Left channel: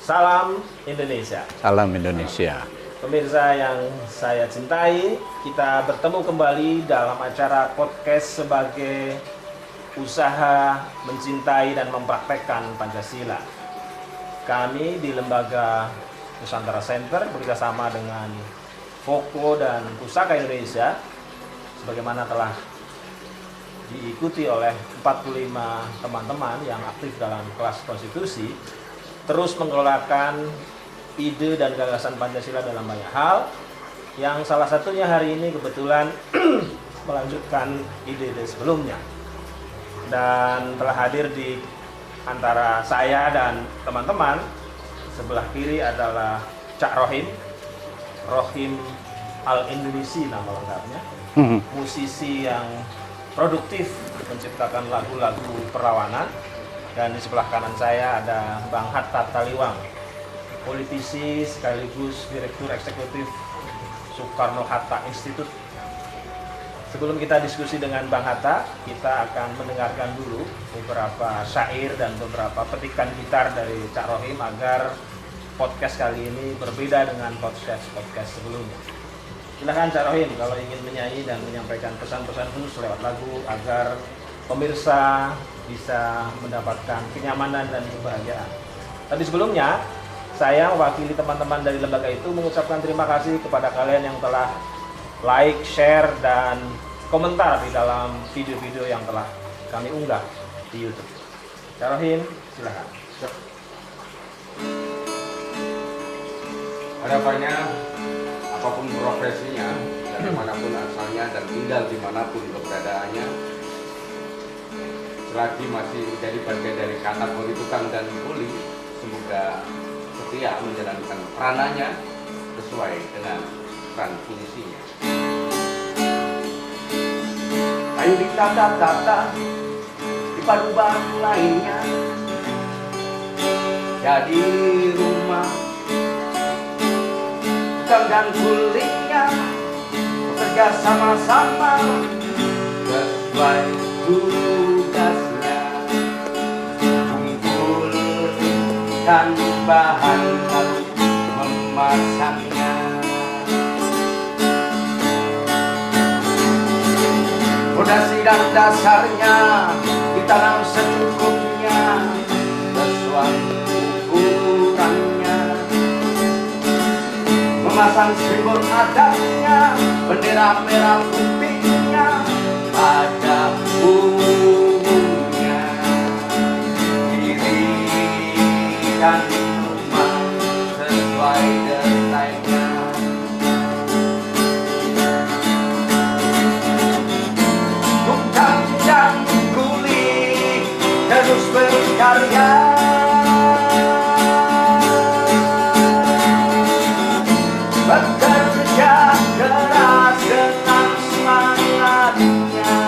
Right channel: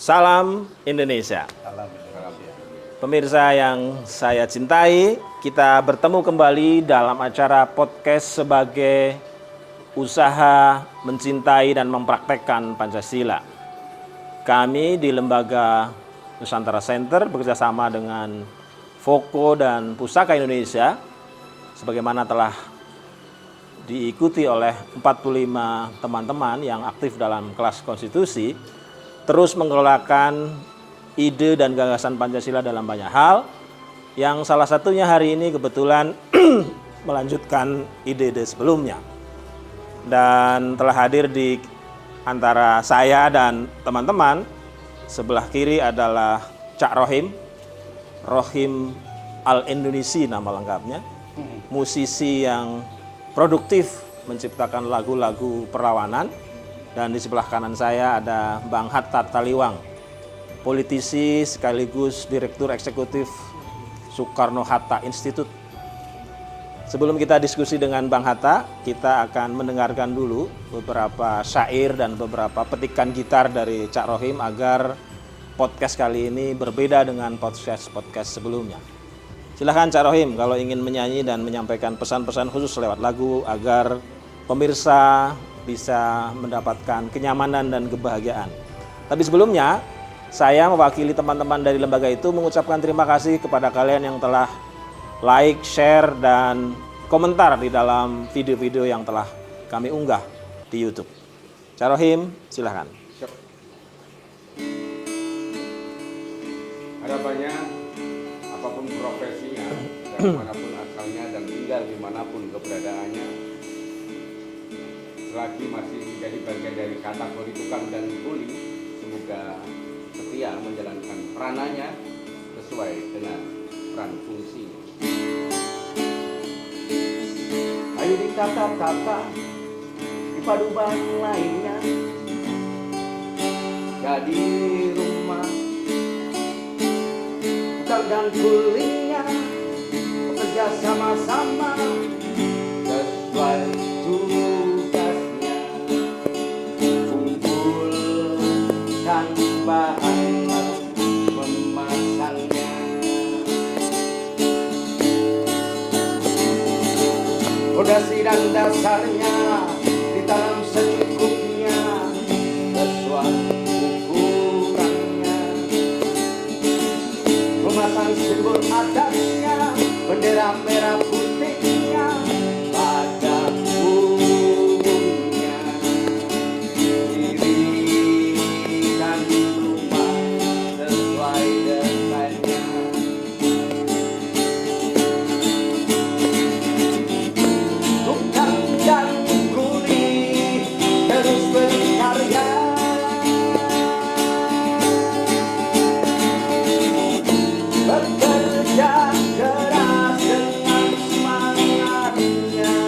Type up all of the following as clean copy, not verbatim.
Salam Indonesia. Salam Indonesia. Pemirsa yang saya cintai, kita bertemu kembali dalam acara podcast sebagai usaha mencintai dan mempraktekkan Pancasila. Kami di Lembaga Nusantara Center bekerjasama dengan Foko dan Pusaka Indonesia, sebagaimana telah diikuti oleh 45 teman-teman yang aktif dalam kelas konstitusi, terus mengelolakan ide dan gagasan Pancasila dalam banyak hal, yang salah satunya hari ini kebetulan melanjutkan ide-ide sebelumnya. Dan telah hadir di antara saya dan teman-teman, sebelah kiri adalah Cak Rohim Al-Indonesi nama lengkapnya, musisi yang produktif menciptakan lagu-lagu perlawanan. Dan di sebelah kanan saya ada Bang Hatta Taliwang, politisi sekaligus Direktur Eksekutif Soekarno-Hatta Institute. Sebelum kita diskusi dengan Bang Hatta, kita akan mendengarkan dulu beberapa syair dan beberapa petikan gitar dari Cak Rohim agar podcast kali ini berbeda dengan podcast sebelumnya. Silahkan Cak Rohim kalau ingin menyanyi dan menyampaikan pesan-pesan khusus lewat lagu agar pemirsa bisa mendapatkan kenyamanan dan kebahagiaan. Tapi sebelumnya, saya mewakili teman-teman dari lembaga itu mengucapkan terima kasih kepada kalian yang telah like, share, dan komentar di dalam video-video yang telah kami unggah di YouTube. Cak Rohim, silahkan. Harapannya, apapun profesinya, dari manapun asalnya dan tinggal dimanapun keberadaannya, selagi masih menjadi bagian dari kategori tukang dan kuli, semoga setia menjalankan peranannya sesuai dengan peran fungsinya. Ayo ditata-tata di paduban lainnya, jadi rumah tukang dan kulinya bekerja sama-sama sesuai tugasnya, kumpulkan bahan memasangnya. Fondasi dan dasarnya ditanam secukupnya sesuai ukurannya, memasang simbol adatnya, bendera merah putihnya pada punggungnya, dirikan rumah sesuai desainnya. Tukang dan kuli terus berkarya, bekerja keras dengan semangatnya.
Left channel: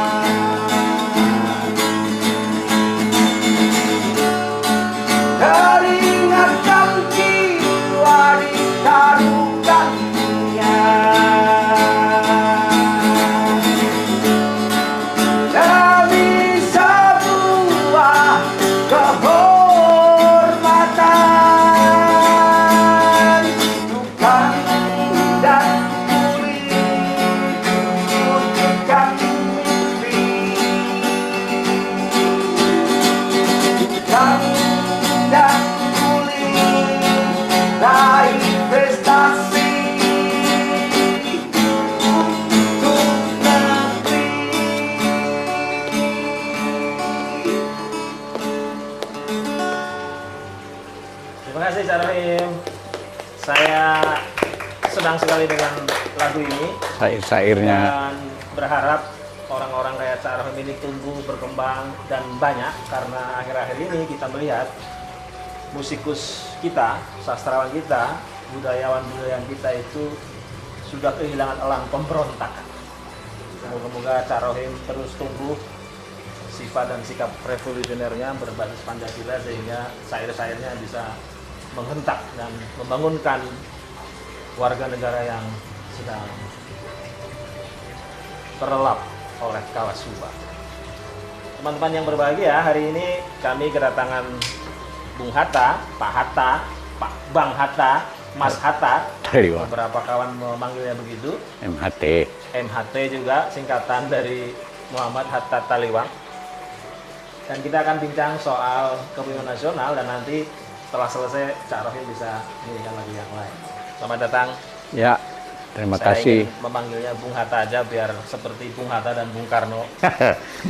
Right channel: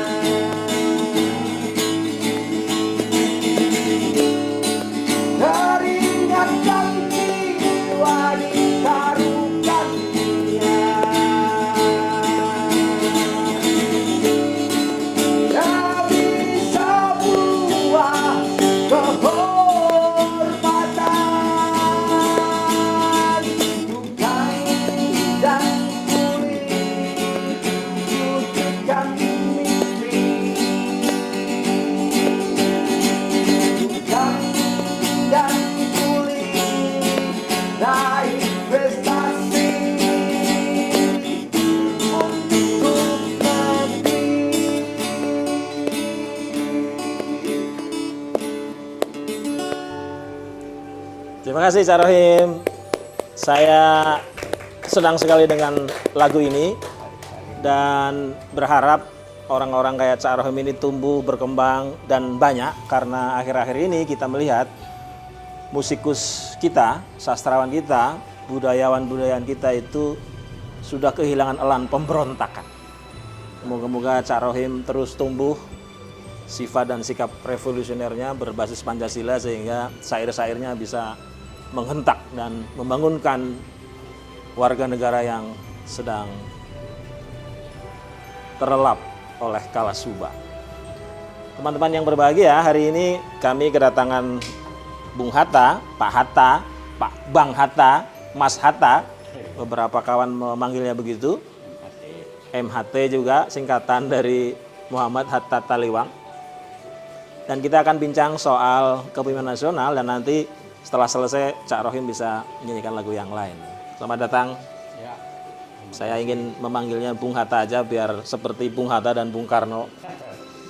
Keringat dan jiwa ditaruhkannya demi sebuah kehormatan. Tukang dan kuli wujudkan mimpi, tukang dan kuli raih prestasi untuk negeri. Terima kasih Cak Rohim. Saya senang sekali dengan lagu ini Syair-syairnya. dan berharap orang-orang kayak Cak Rohim ini tumbuh, berkembang, dan banyak, karena akhir-akhir ini kita melihat musikus kita, sastrawan kita, budayawan kita itu sudah kehilangan elang pemberontakan. Semoga-moga Cak Rohim terus tumbuh sifat dan sikap revolusionernya berbasis Pancasila sehingga syair-syairnya bisa menghentak dan membangunkan warga negara yang sedang terlelap oleh Kawasuba. Teman-teman yang berbahagia, hari ini kami kedatangan Bung Hatta, Pak Hatta, Pak Bang Hatta, Mas Hatta. Taliwang. Beberapa kawan memanggilnya begitu. MHT. MHT juga singkatan dari Muhammad Hatta Taliwang. Dan kita akan bincang soal kepemimpinan nasional dan nanti setelah selesai Cak Rohim bisa menyanyikan lagu yang lain. Selamat datang. Ya, terima Saya kasih. ingin memanggilnya Bung Hatta aja biar seperti Bung Hatta dan Bung Karno.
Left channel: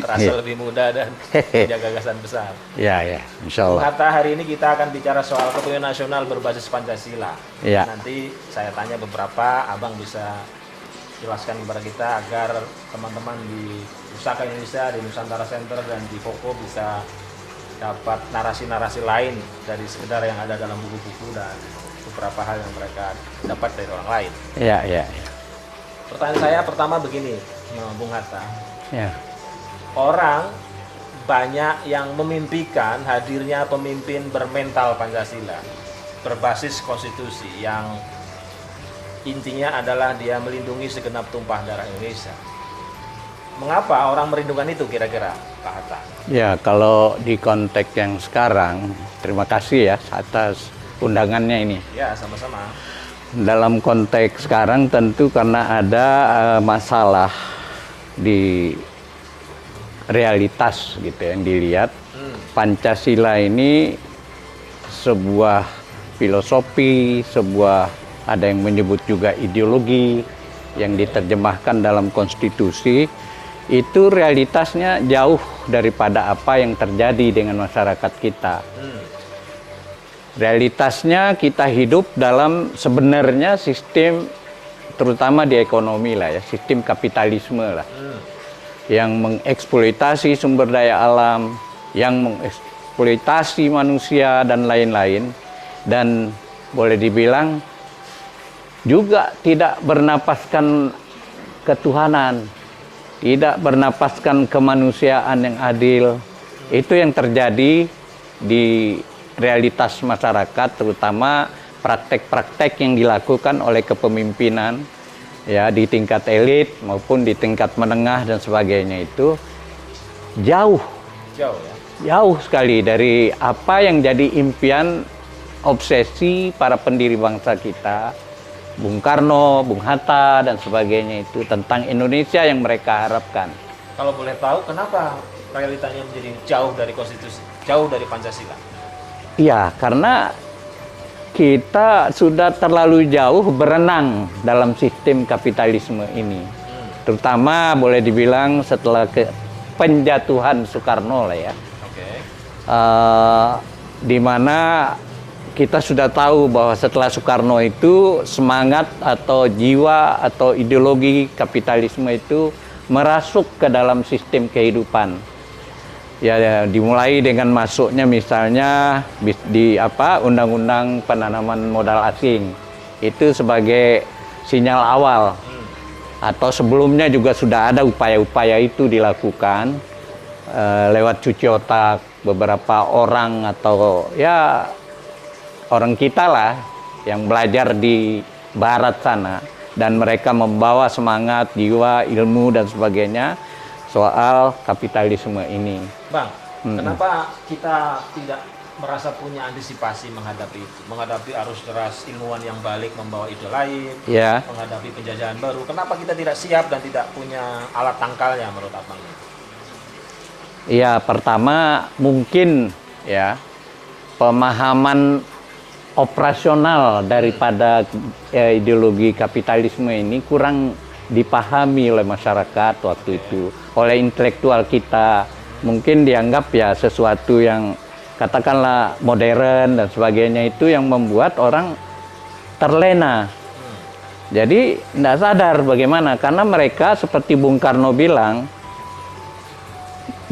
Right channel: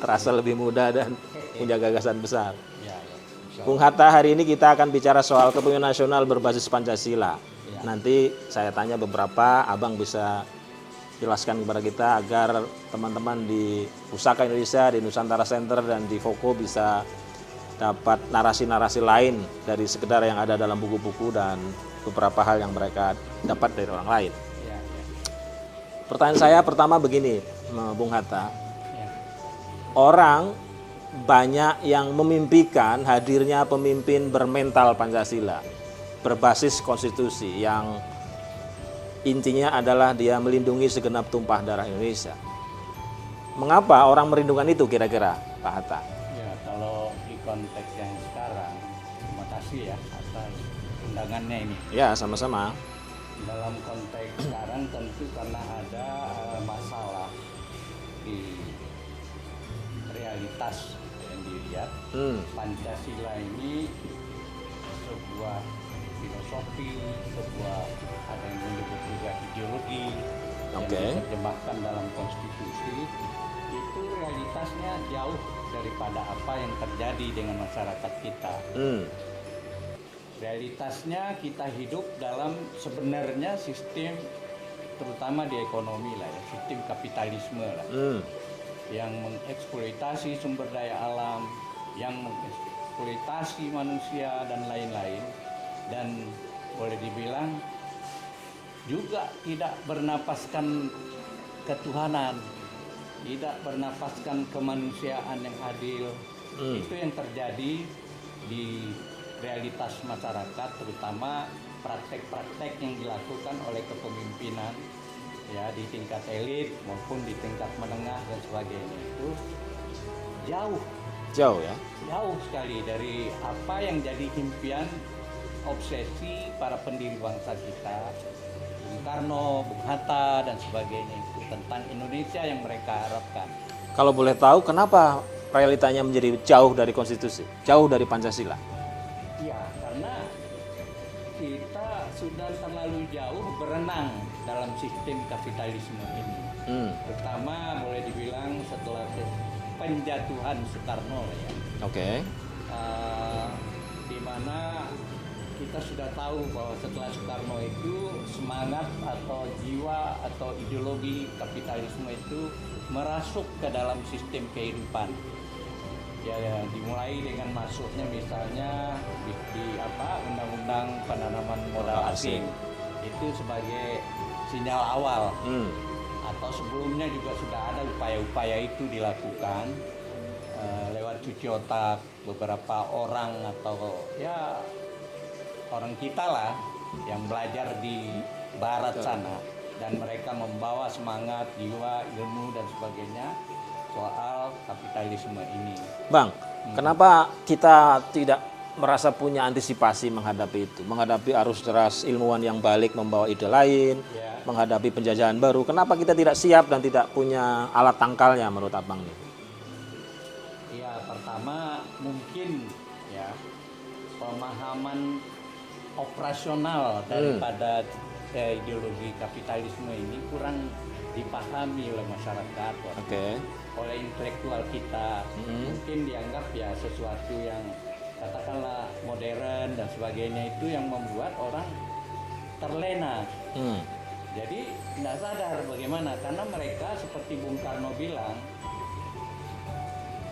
Terasa lebih muda dan punya gagasan besar. Ya, insya Bung Allah. Hatta, hari ini kita akan bicara soal kepemimpinan nasional berbasis Pancasila. Ya. Nanti saya tanya beberapa, Abang bisa jelaskan kepada kita agar teman-teman di Pusaka Indonesia, di Nusantara Center dan di Foko bisa dapat narasi-narasi lain dari sekedar yang ada dalam buku-buku dan beberapa hal yang mereka dapat dari orang lain. Ya. Pertanyaan saya pertama begini, Bung Hatta. Ya. Orang banyak yang memimpikan hadirnya pemimpin bermental Pancasila, berbasis konstitusi yang intinya adalah dia melindungi segenap tumpah darah Indonesia. Mengapa orang merindukan itu kira-kira, Pak Hatta? Ya, kalau di konteks yang sekarang, terima kasih ya atas undangannya ini. Ya, sama-sama. Dalam konteks sekarang tentu karena ada masalah di realitas gitu yang dilihat. Pancasila ini sebuah filosofi, ada yang menyebut juga ideologi yang diterjemahkan dalam konstitusi. Itu realitasnya jauh daripada apa yang terjadi dengan masyarakat kita. Realitasnya kita hidup dalam sebenarnya sistem, terutama di ekonomi lah ya, sistem kapitalisme lah, yang mengeksploitasi sumber daya alam, yang mengeksploitasi manusia dan lain-lain, dan boleh dibilang juga tidak bernapaskan ketuhanan, tidak bernapaskan kemanusiaan yang adil. Itu yang terjadi di realitas masyarakat, terutama praktek-praktek yang dilakukan oleh kepemimpinan ya di tingkat elit maupun di tingkat menengah dan sebagainya. Itu jauh sekali dari apa yang jadi impian, obsesi para pendiri bangsa kita, Bung Karno, Bung Hatta, dan sebagainya, itu tentang Indonesia yang mereka harapkan. Kalau boleh tahu, kenapa realitanya menjadi jauh dari konstitusi, jauh dari Pancasila? Iya, karena kita sudah terlalu jauh berenang dalam sistem kapitalisme ini. Terutama boleh dibilang setelah penjatuhan Soekarno lah ya. Di mana kita sudah tahu bahwa setelah Soekarno itu semangat atau jiwa atau ideologi kapitalisme itu merasuk ke dalam sistem kehidupan. Ya, dimulai dengan masuknya misalnya di Undang-Undang Penanaman Modal Asing. Itu sebagai sinyal awal. Atau sebelumnya juga sudah ada upaya-upaya itu dilakukan lewat cuci otak beberapa orang atau ya orang kita lah yang belajar di barat sana, dan mereka membawa semangat, jiwa, ilmu dan sebagainya soal kapitalisme ini. Bang, kenapa kita tidak merasa punya antisipasi menghadapi itu, menghadapi arus deras ilmuwan yang balik membawa ide lain, menghadapi penjajahan baru? Kenapa kita tidak siap dan tidak punya alat tangkalnya menurut Abang? Ya, pertama mungkin ya pemahaman operasional daripada ideologi kapitalisme ini kurang dipahami oleh masyarakat waktu itu, oleh intelektual kita. Mungkin dianggap ya sesuatu yang katakanlah modern dan sebagainya, itu yang membuat orang terlena. Jadi tidak sadar bagaimana, karena mereka seperti Bung Karno bilang,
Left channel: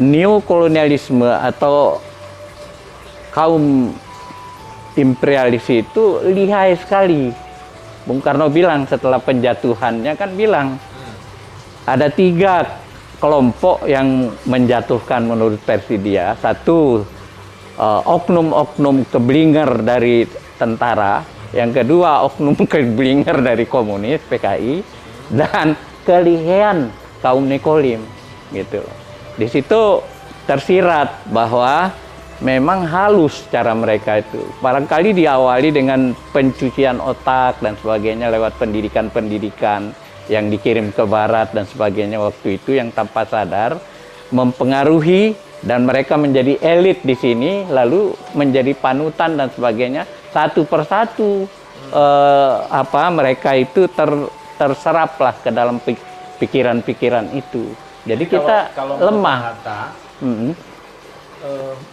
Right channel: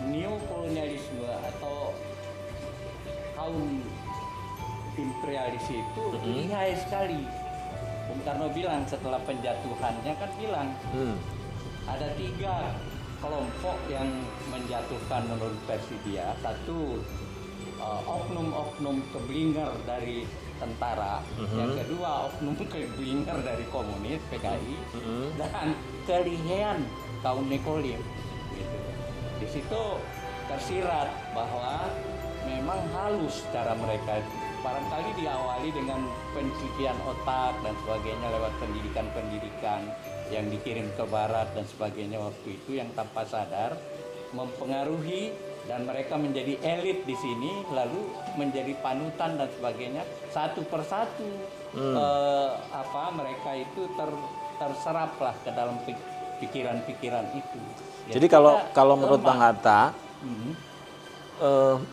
neokolonialisme atau kaum imperialis itu lihai sekali. Bung Karno bilang setelah penjatuhannya kan bilang ada 3 kelompok yang menjatuhkan menurut versi dia. Satu, oknum-oknum keblinger dari tentara. Yang kedua, oknum keblinger dari komunis, PKI. Dan kelihean kaum Nekolim gitu. Di situ tersirat bahwa memang halus cara mereka itu. Barangkali diawali dengan pencucian otak dan sebagainya lewat pendidikan-pendidikan yang dikirim ke barat dan sebagainya waktu itu yang tanpa sadar mempengaruhi dan mereka menjadi elit di sini lalu menjadi panutan dan sebagainya satu persatu mereka itu terseraplah ke dalam pikiran-pikiran itu. Jadi kita kalau lemah. menurut Hatta,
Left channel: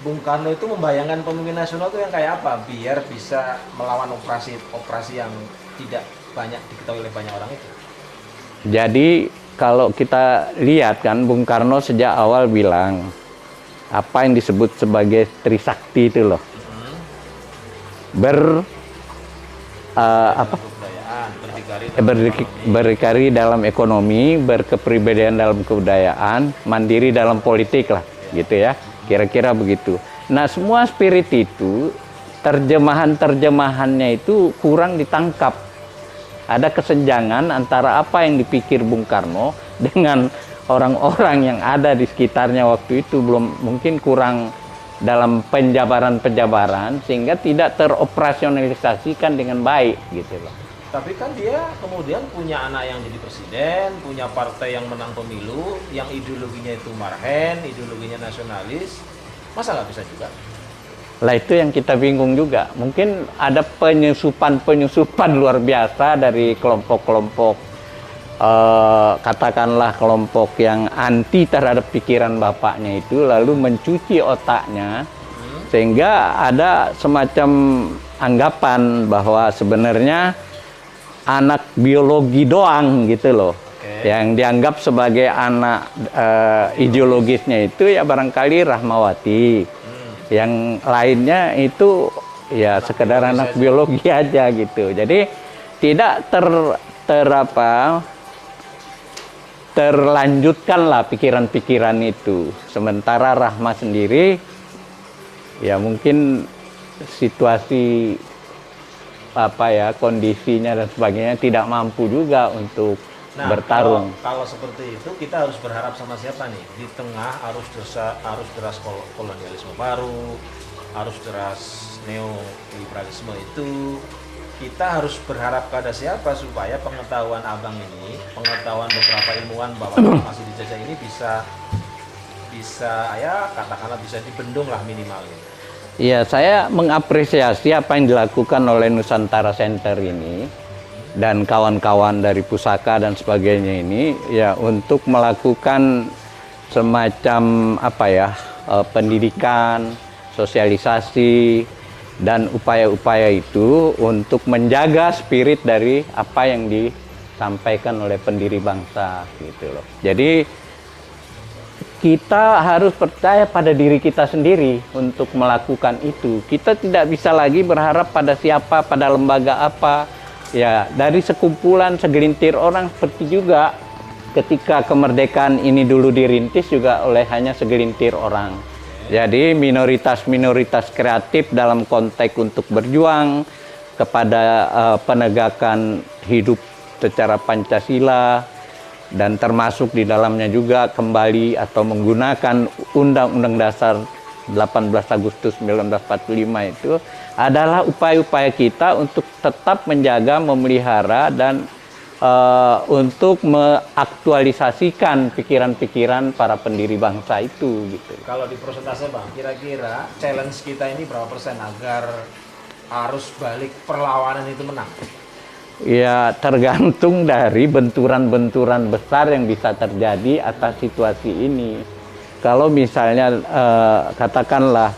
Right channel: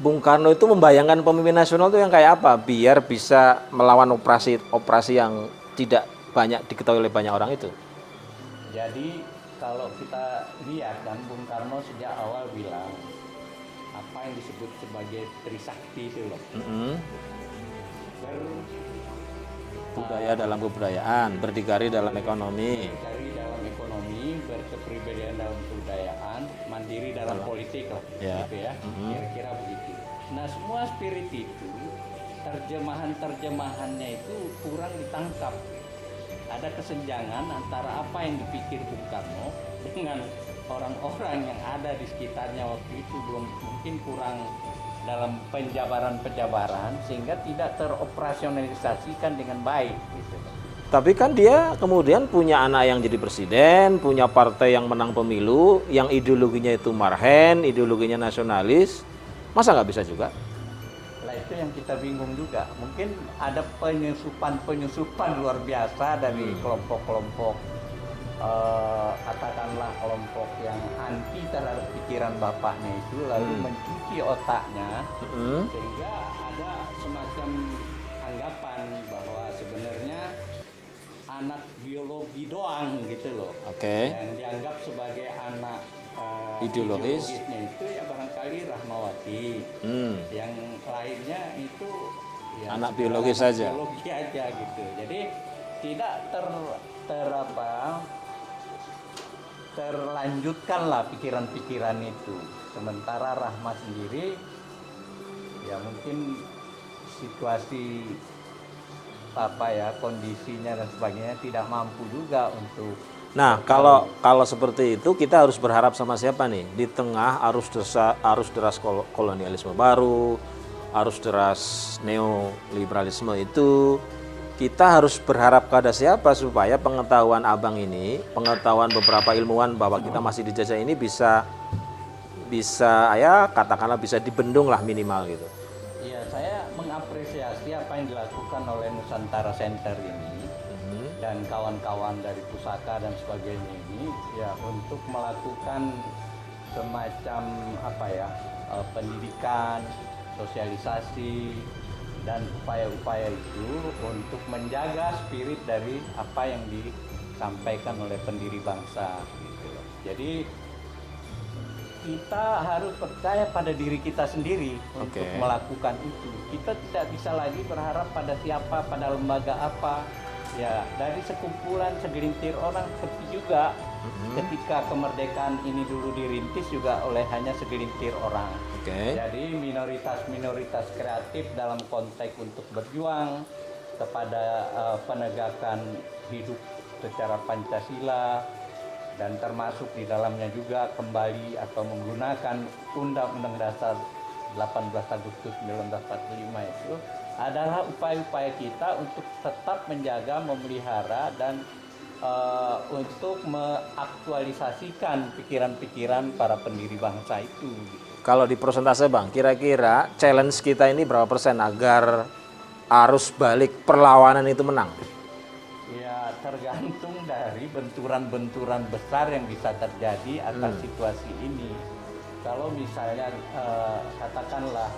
Bung Karno itu membayangkan pemimpin nasional itu yang kayak apa biar bisa melawan operasi yang tidak banyak diketahui oleh banyak orang itu. Jadi kalau kita lihat kan Bung Karno sejak awal bilang apa yang disebut sebagai Trisakti itu loh. Dalam kebudayaan, berdikari dalam ekonomi, berkepribadian dalam kebudayaan, mandiri dalam politik lah, gitu ya. Kira-kira begitu. Nah, semua spirit itu terjemahannya itu kurang ditangkap. Ada kesenjangan antara apa yang dipikir Bung Karno dengan orang-orang yang ada di sekitarnya waktu itu mungkin kurang dalam penjabaran sehingga tidak teroperasionalisasikan dengan baik gitu loh. Tapi kan dia kemudian punya anak yang jadi presiden, punya partai yang menang pemilu, yang ideologinya itu marhen, ideologinya nasionalis. Masa nggak bisa juga? Lah itu yang kita bingung juga. Mungkin ada penyusupan luar biasa dari kelompok-kelompok katakanlah kelompok yang anti terhadap pikiran bapaknya itu lalu mencuci otaknya sehingga ada semacam anggapan bahwa sebenarnya anak biologi doang gitu loh. Yang dianggap sebagai anak ideologisnya itu ya barangkali Rahmawati. Yang lainnya itu ya sekedar anak biologi aja gitu. Jadi tidak terlanjutkanlah pikiran-pikiran itu. Sementara Rahma sendiri, ya mungkin situasi kondisinya dan sebagainya tidak mampu juga untuk bertarung. Kalau seperti itu kita harus berharap sama siapa nih? Di tengah arus deras kolonialisme baru, arus deras neoliberalisme itu. Kita harus berharap pada siapa supaya pengetahuan abang ini, pengetahuan beberapa ilmuwan bahwa kita masih dijajah ini bisa ya katakanlah bisa dibendung lah minimal gitu. Iya, saya mengapresiasi apa yang dilakukan oleh Nusantara Center ini dan kawan-kawan dari Pusaka dan sebagainya ini ya untuk melakukan semacam pendidikan, sosialisasi dan upaya-upaya itu untuk menjaga spirit dari apa yang disampaikan oleh pendiri bangsa gitu loh. Jadi kita harus percaya pada diri kita sendiri untuk melakukan itu. Kita tidak bisa lagi berharap pada siapa, pada lembaga apa. Ya, dari sekumpulan segelintir orang seperti juga ketika kemerdekaan ini dulu dirintis juga oleh hanya segelintir orang. Jadi minoritas-minoritas kreatif dalam konteks untuk berjuang kepada penegakan hidup secara Pancasila dan termasuk di dalamnya juga kembali atau menggunakan Undang-Undang Dasar 18 Agustus 1945 itu adalah upaya-upaya kita untuk tetap menjaga, memelihara dan untuk mengaktualisasikan pikiran-pikiran para pendiri bangsa itu gitu. Kalau di persentase Bang, kira-kira challenge kita ini berapa persen agar arus balik perlawanan itu menang? Ya tergantung dari benturan-benturan besar yang bisa terjadi atas situasi ini. Kalau misalnya katakanlah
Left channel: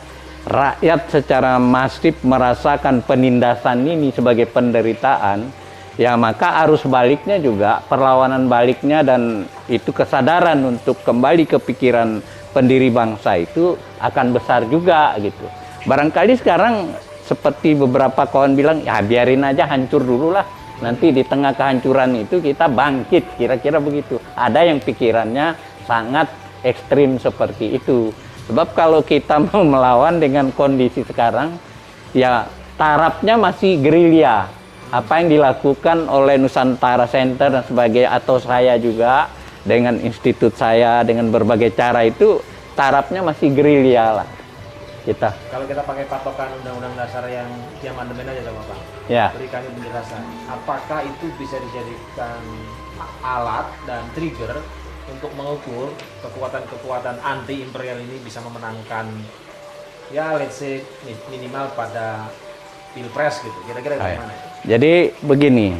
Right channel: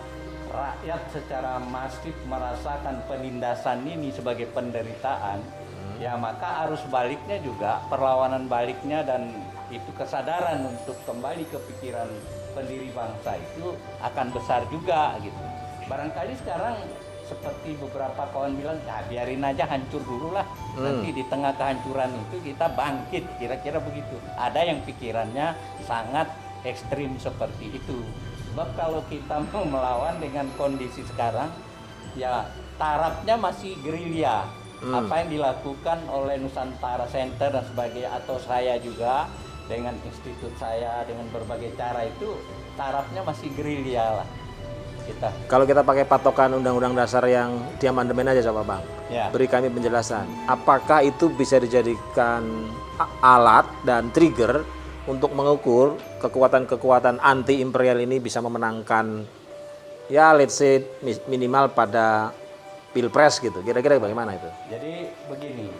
rakyat secara masif merasakan penindasan ini sebagai penderitaan, ya maka arus baliknya juga, perlawanan baliknya dan itu kesadaran untuk kembali ke pikiran pendiri bangsa itu akan besar juga gitu. Barangkali sekarang seperti beberapa kawan bilang, ya biarin aja hancur dulu lah. Nanti di tengah kehancuran itu kita bangkit, kira-kira begitu. Ada yang pikirannya sangat ekstrim seperti itu. Sebab kalau kita mau melawan dengan kondisi sekarang, ya tarafnya masih gerilya. Apa yang dilakukan oleh Nusantara Center dan sebagainya atau saya juga dengan institut saya dengan berbagai cara itu tarafnya masih gerilya lah. kita. Kalau kita pakai patokan Undang-Undang Dasar yang di amandemen aja coba Bang. Ya. Beri kami penjelasan. Apakah itu bisa dijadikan alat dan trigger untuk mengukur kekuatan-kekuatan anti imperial ini bisa memenangkan ya let's say minimal pada Pilpres gitu. Kira-kira bagaimana itu? Jadi begini,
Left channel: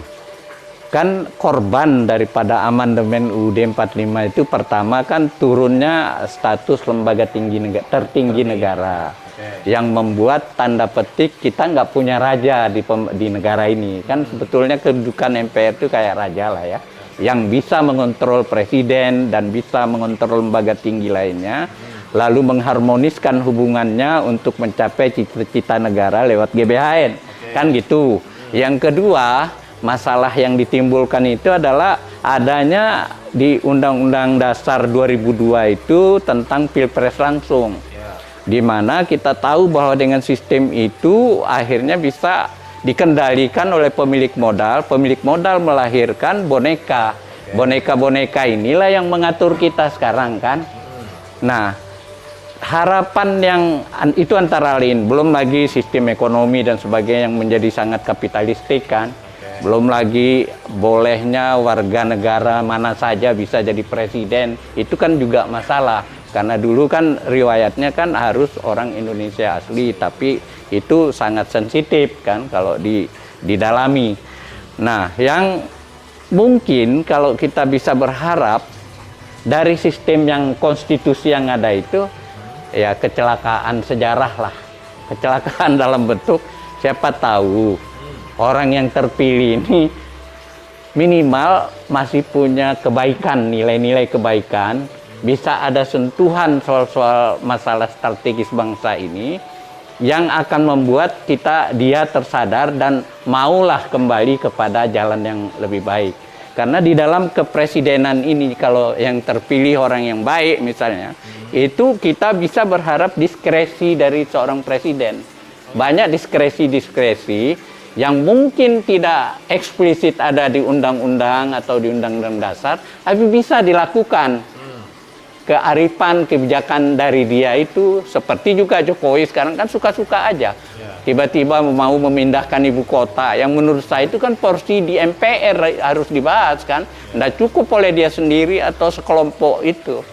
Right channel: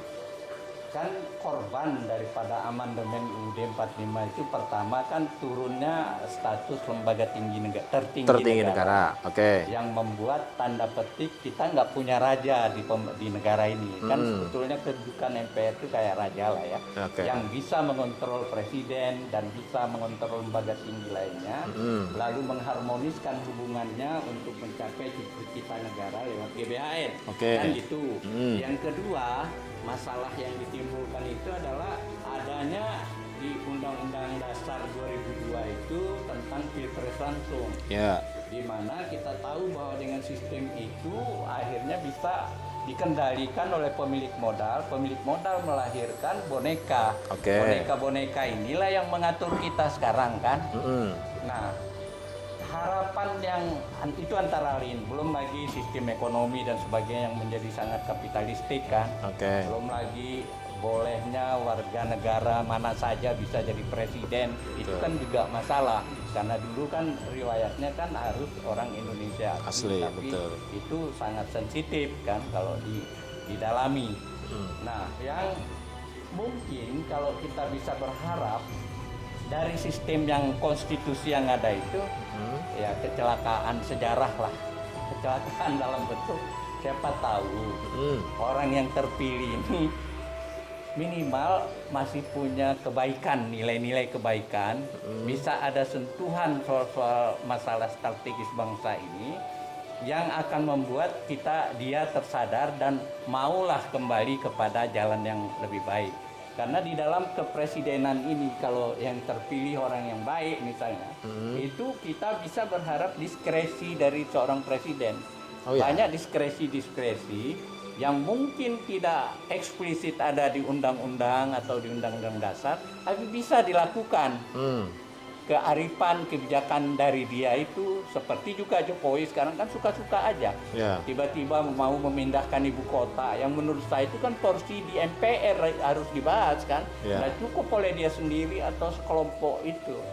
kan korban daripada amandemen UUD 45 itu pertama kan turunnya status lembaga tertinggi negara. Oke. Yang membuat tanda petik kita nggak punya raja di negara ini. Kan sebetulnya kedudukan MPR itu kayak raja lah ya. Yang bisa mengontrol presiden dan bisa mengontrol lembaga tinggi lainnya. Lalu mengharmoniskan hubungannya untuk mencapai cita-cita negara lewat GBHN. Oke. Kan gitu. Yang kedua, masalah yang ditimbulkan itu adalah adanya di Undang-Undang Dasar 2002 itu tentang Pilpres langsung. Ya. Di mana kita tahu bahwa dengan sistem itu akhirnya bisa dikendalikan oleh pemilik modal. Pemilik modal melahirkan boneka. Oke. Boneka-boneka inilah yang mengatur kita sekarang kan. Nah, harapan yang itu antara lain, belum lagi sistem ekonomi dan sebagainya yang menjadi sangat kapitalistik kan. Oke. Belum lagi bolehnya warga negara mana saja bisa jadi presiden, itu kan juga masalah. Karena dulu kan riwayatnya kan harus orang Indonesia asli, tapi itu sangat sensitif kan kalau didalami. Nah, yang mungkin kalau kita bisa berharap dari sistem yang konstitusi yang ada itu, ya kecelakaan sejarah lah. Kecelakaan dalam bentuk siapa tahu orang yang terpilih ini minimal masih punya kebaikan, nilai-nilai kebaikan, bisa ada sentuhan soal-soal masalah strategis bangsa ini yang akan membuat dia tersadar dan maulah kembali kepada jalan yang lebih baik. Karena di dalam kepresidenan ini kalau yang terpilih orang yang baik misalnya, itu kita bisa berharap diskresi dari seorang presiden. Banyak diskresi-diskresi yang mungkin tidak eksplisit ada di undang-undang atau di undang-undang dasar, tapi bisa dilakukan. Kearifan, kebijakan dari dia itu seperti juga Jokowi sekarang kan suka-suka aja. Tiba-tiba mau memindahkan ibu kota yang menurut saya itu kan porsi di MPR harus dibahas kan. Nggak cukup oleh dia sendiri atau sekelompok itu.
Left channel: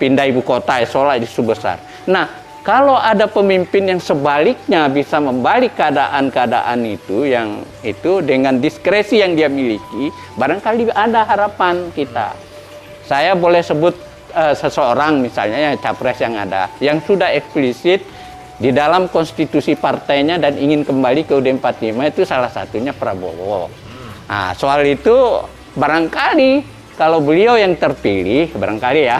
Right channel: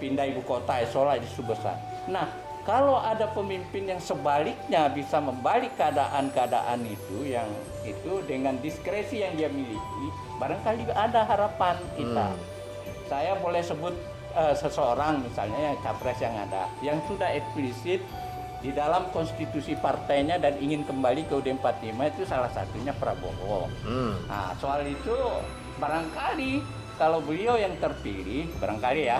Pindah ibu kota, seolah isu besar. Nah, kalau ada pemimpin yang sebaliknya bisa membalik keadaan-keadaan itu, yang itu dengan diskresi yang dia miliki, barangkali ada harapan kita. Saya boleh sebut seseorang misalnya ya capres yang ada yang sudah eksplisit di dalam konstitusi partainya dan ingin kembali ke UUD 45 itu salah satunya Prabowo. Nah, soal itu barangkali kalau beliau yang terpilih barangkali ya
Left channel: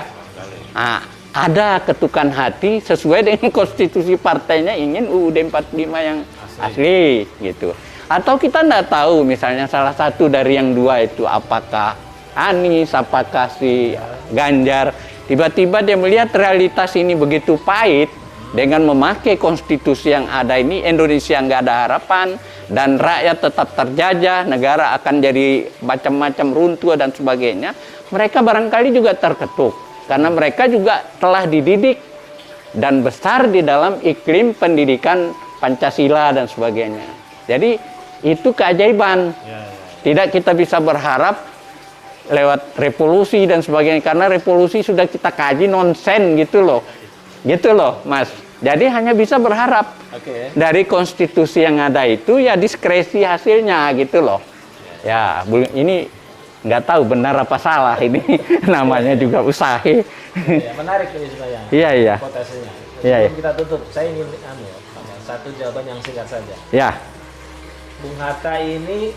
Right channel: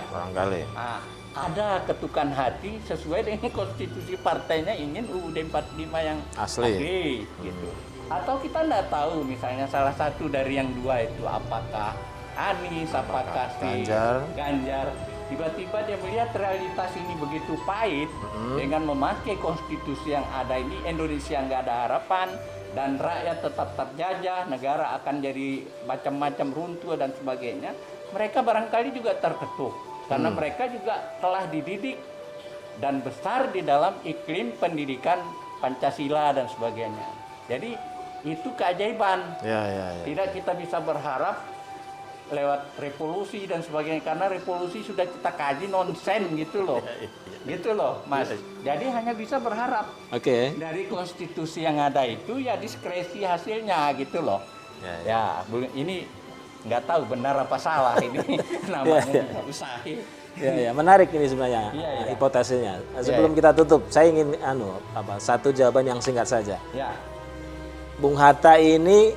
ada ketukan hati sesuai dengan konstitusi partainya ingin UUD 45 yang asli gitu. Atau kita tidak tahu misalnya salah satu dari yang dua itu apakah Anies, apakah si Ganjar, tiba-tiba dia melihat realitas ini begitu pahit, dengan memakai konstitusi yang ada ini Indonesia nggak ada harapan dan rakyat tetap terjajah, negara akan jadi macam-macam runtuh dan sebagainya. Mereka barangkali juga terketuk karena mereka juga telah dididik dan besar di dalam iklim pendidikan Pancasila dan sebagainya. Jadi itu keajaiban. Tidak kita bisa berharap lewat revolusi dan sebagainya, karena revolusi sudah kita kaji nonsen gitu loh Mas. Jadi hanya bisa berharap dari konstitusi yang ada itu ya diskresi hasilnya gitu loh. Ya ini nggak tahu benar apa salah ini namanya juga usaha. Menarik ini sebenarnya. Iya. Hipotesisnya. Sebelum kita tutup, saya ingin satu jawaban yang singkat saja. Ya. Bung Hatta ini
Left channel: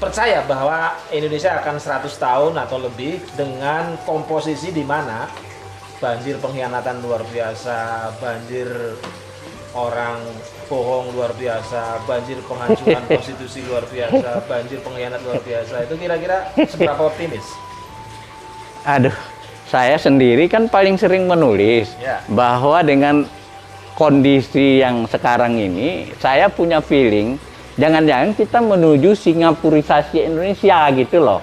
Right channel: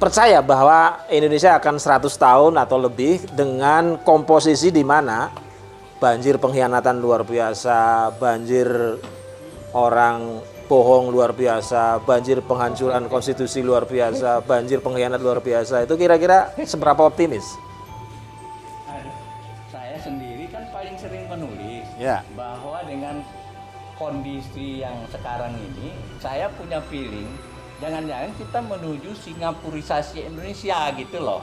percaya bahwa Indonesia akan 100 tahun atau lebih dengan komposisi di mana banjir pengkhianatan luar biasa, banjir orang bohong luar biasa, banjir penghancuran konstitusi luar biasa, banjir pengkhianat luar biasa. Itu kira-kira seberapa optimis? Aduh, saya sendiri kan paling sering menulis bahwa dengan kondisi yang sekarang ini, saya punya feeling jangan-jangan kita menuju Singapurisasi Indonesia gitu loh.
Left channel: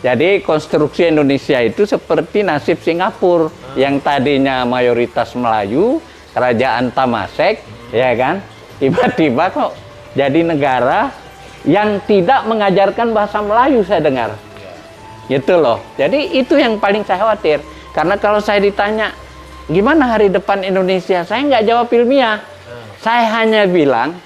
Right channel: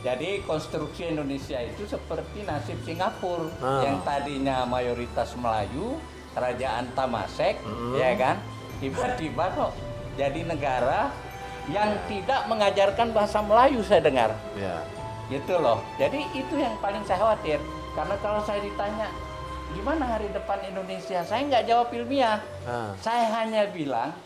Jadi konstruksi Indonesia itu seperti nasib Singapura yang tadinya mayoritas Melayu, kerajaan Tamasek, ya kan? Tiba-tiba kok jadi negara yang tidak mengajarkan bahasa Melayu, saya dengar. Gitu loh. Jadi itu yang paling saya khawatir. Karena kalau saya ditanya, gimana hari depan Indonesia? Saya nggak jawab ilmiah. Saya hanya bilang,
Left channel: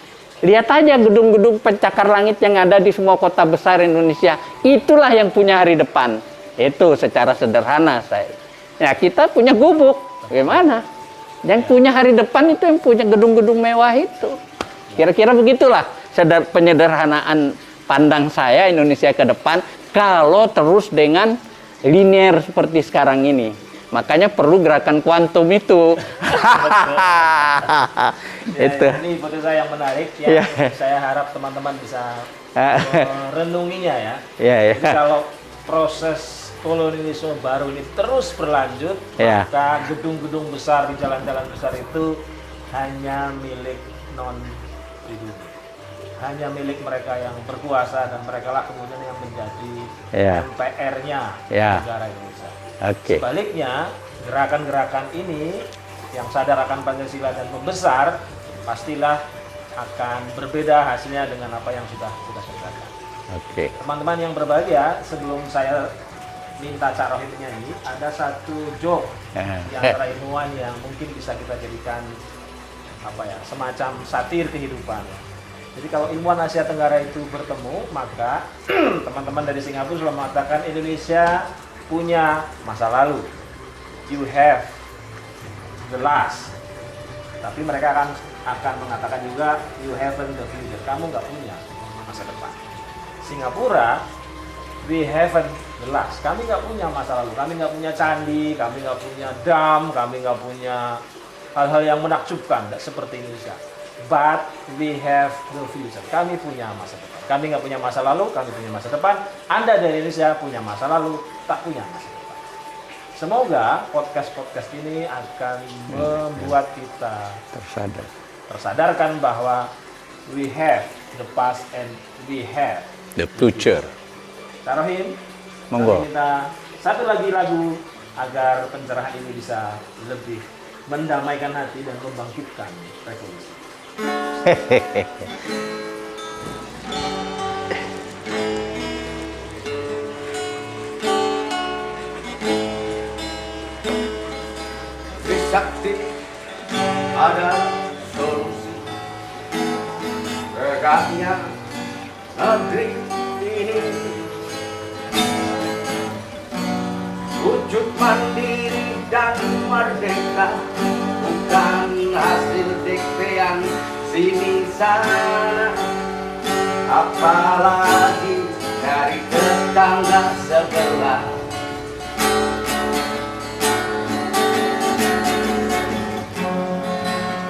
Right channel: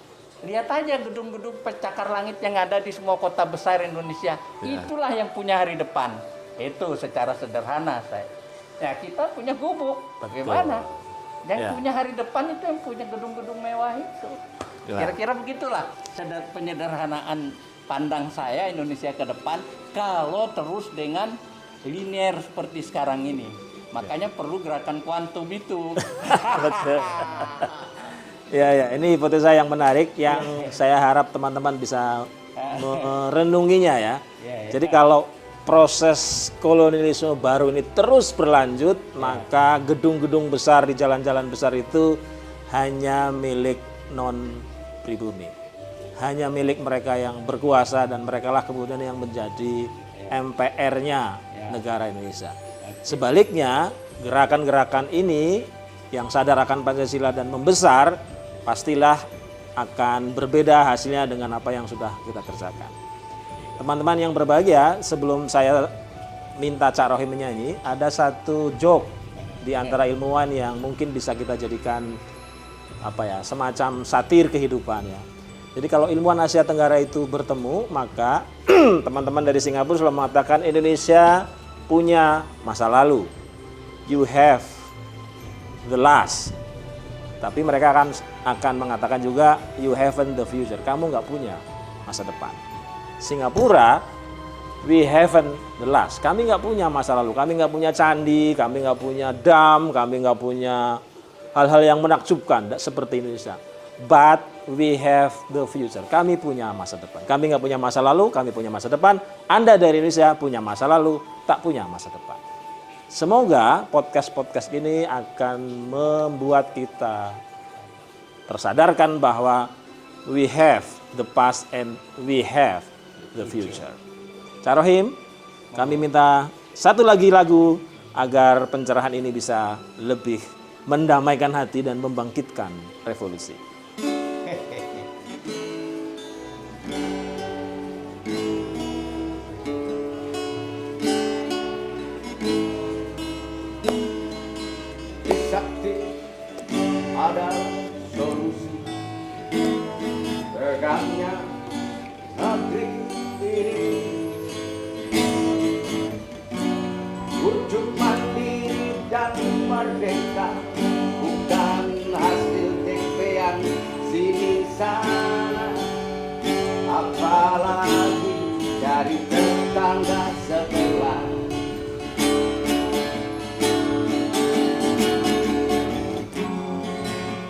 lihat aja gedung-gedung pencakar langit yang ada di semua kota besar Indonesia. Itulah yang punya hari depan. Itu secara sederhana saya. Ya kita punya gubuk. Gimana? Yang punya hari depan itu yang punya gedung-gedung mewah itu. Kira-kira begitulah penyederhanaan pandang saya Indonesia ke depan kalau terus dengan linear seperti sekarang ini. Makanya perlu gerakan kuantum itu. Itu. Ini foto saya yang menarik yang saya harap teman-teman bisa merenunginya ya. Jadi kalau proses kolonialisme baru ini terus berlanjut, maka gedung-gedung besar di jalan-jalan besar itu hanya milik non-pribumi. Hanya milik mereka yang berkuasa dan mereka lah kemudian yang menjadi MPR-nya negara Indonesia. Sebaliknya, gerakan-gerakan ini yang sadar akan Pancasila dan membesar, pastilah akan berbeda hasilnya dengan apa yang sudah kita kerjakan. Teman-teman yang berbahagia, sebelum saya minta Cak Rohim menyanyi, ada satu joke di antara ilmuwan yang mungkin bisa kita jadikan semacam satir kehidupan. Jadi kalau ilmuwan Asia Tenggara itu bertemu, maka teman-teman dari Singapura selalu mengatakan Indonesia punya masa lalu. You have the last. Tapi mereka akan mengatakan juga you haven't the future. Kamu nggak punya masa depan. Singapura, we haven't the last. Kami nggak punya masa lalu. Kami nggak punya candi, kami nggak punya dam, kami nggak punya hal-hal yang menakjubkan seperti Indonesia. But we have the future. Kami punya masa depan. Kami nggak punya masa lalu, kami punya masa depan. Anda dari Indonesia punya masa lalu, tak punya masa depan. Semoga podcast-podcast ini akan membuat kita tersadarkan bahwa we have the past and we have the future. Cak Rohim, kami minta satu lagi lagu agar pencerahan ini bisa lebih mendamaikan hati dan membangkitkan revolusi. Sakti adalah solusi tegaknya negeri ini. Wujud mandiri dan merdeka bukan hasil diktean sini sana, apalagi dari tetangga sebelah.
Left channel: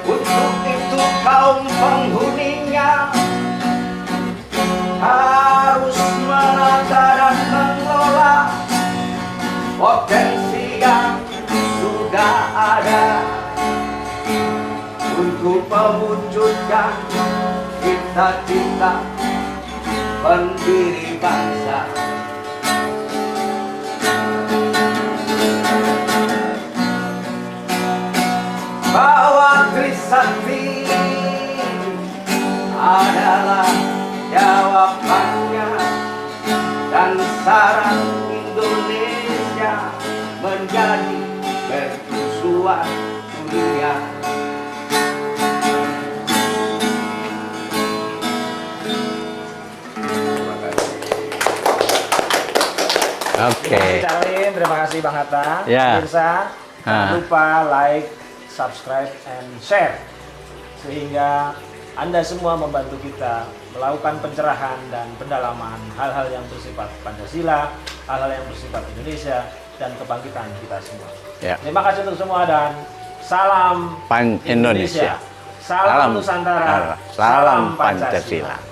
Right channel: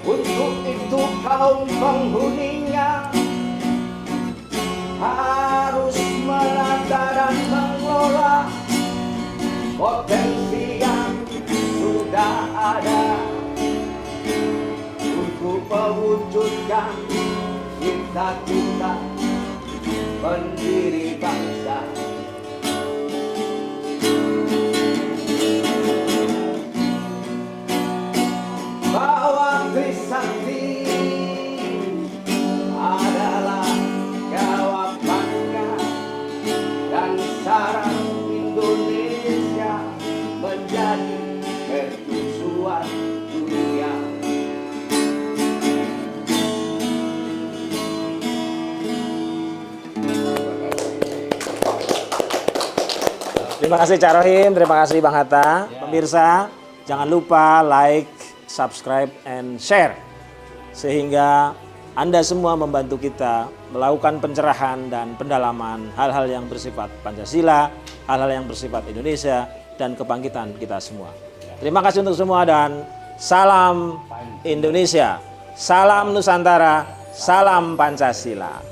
Untuk itu kaum penghuninya harus menata dan mengelola potensi yang sudah ada untuk mewujudkan cita-cita pendiri bangsa. Bahwa Trisakti adalah jawabannya dan syarat Indonesia menjadi mercusuar dunia. Terima kasih Cak Rohim, terima kasih Bang Hatta. Pemirsa, jangan lupa like, subscribe, and share. Sehingga Anda semua membantu kita melakukan pencerahan dan pendalaman hal-hal yang bersifat Pancasila, hal-hal yang bersifat Indonesia, dan kebangkitan kita semua. Terima kasih untuk semua dan salam Indonesia. Salam Nusantara, salam Pancasila.